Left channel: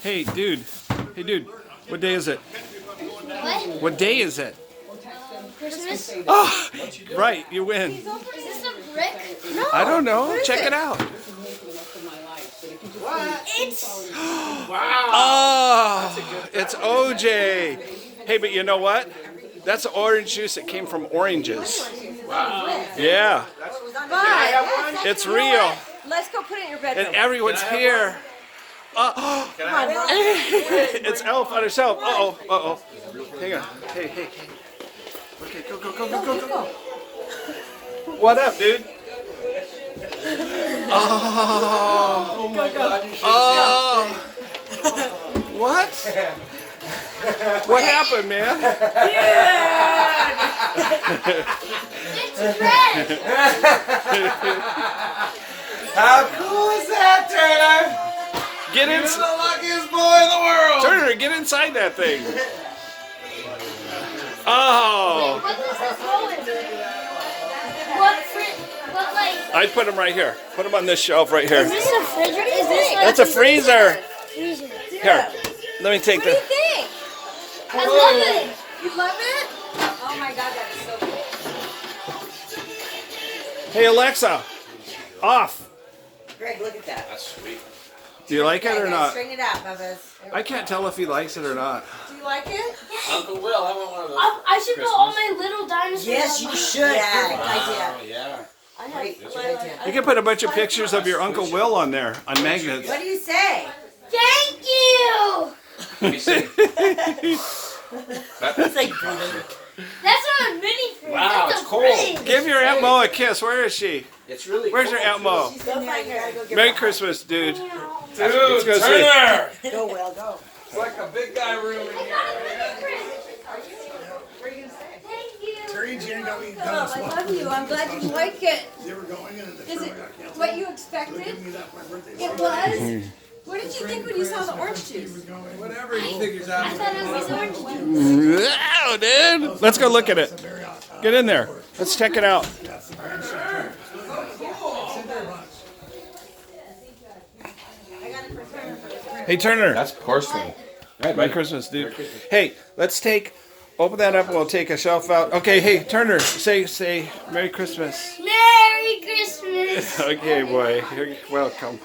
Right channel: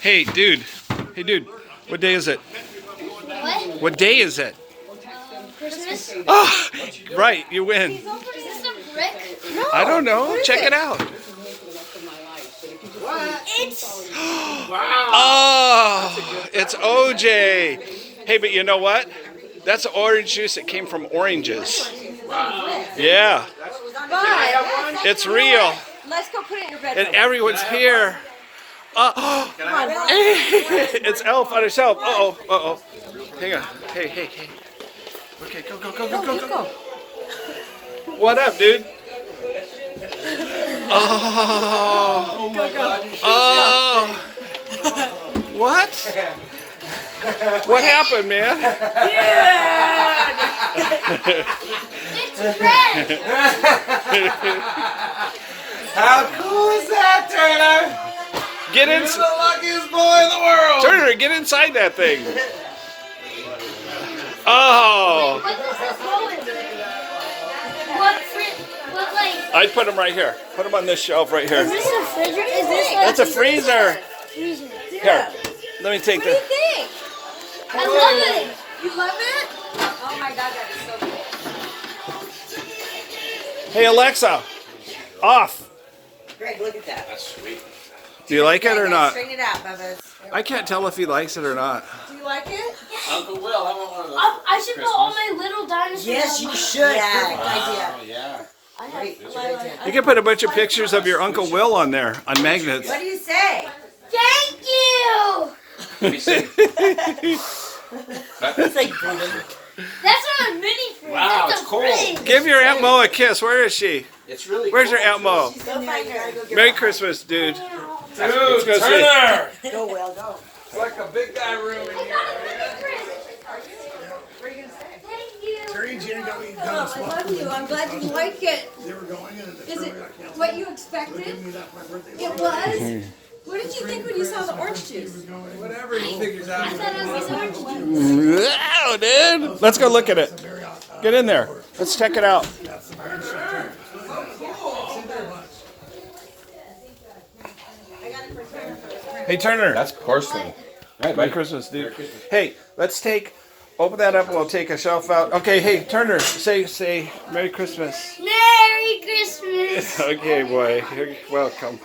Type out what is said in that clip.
Hey, dude. Hey, dude. What day is it? What? What day is it? Christmas? Oh, right. You win. Is this a brick? I don't know. Check it out. It's Oh, it's OJ. Hey, but you know what? That's orange juice that came from oranges. Yeah, But it's real. let's go put it in your bedroom. And everyone's here. Oh, it's Elf on a shelf. Uh-oh, uh-oh. Hang on. Hey. Okay, go. What up, dude? Oh my God. Oh. What? What happened, man? it's red. How cool is that, Turner? Get in. You're the luckiest boy in the world. Turner, get inside that thing. Oh. What does this go in? What like? I'd put them right here. Put them on this shelf right here. Is this a refrigerator? Is this like That's a freezer. freezer? Here, let me take What do you the. think? I love it. You love it? Oh my God, that's so cool. Hey, Alexa, off. Greg, look at that. Do you like it Greg, or not? Straighten it out, Bubba. I can't tell if he likes it or not. Do you like it? Uncle Will, I want one of those. I should put all my little dinosaurs. Yes, you on my- should. Perfect idea. Oh, yeah. Wait, You can put a bunch of pictures of your Uncle Will on there on magnets. what do you say? Thank you. It's like breathing. That's not a mini fridge. Wow, That's it's a cold. fridge. Give your Aunt Mo a kiss. Where is she? It's really Where's cool. your Aunt Mo? Go find her. Go get Merry her. Christmas, dude. Dude, go see. Turner! Go, Will, go. It's like a big guy room in here. What are you going to say? Thank you. I love you. I'm glad you like it. Is it what you expected? It was? What did you think when you saw the orange juice? Whatever you think is I out. thought it was orange juice. Wow, dude. Let's go look at it. Get in there. Let's check it out. Hey, Turner. That's porcelain. Merry Christmas, dude. Hey, let's open that up and we'll take a shelf out. Okay, hey, Turner, say Merry Christmas. Merry Christmas. Okay, boy. Welcome.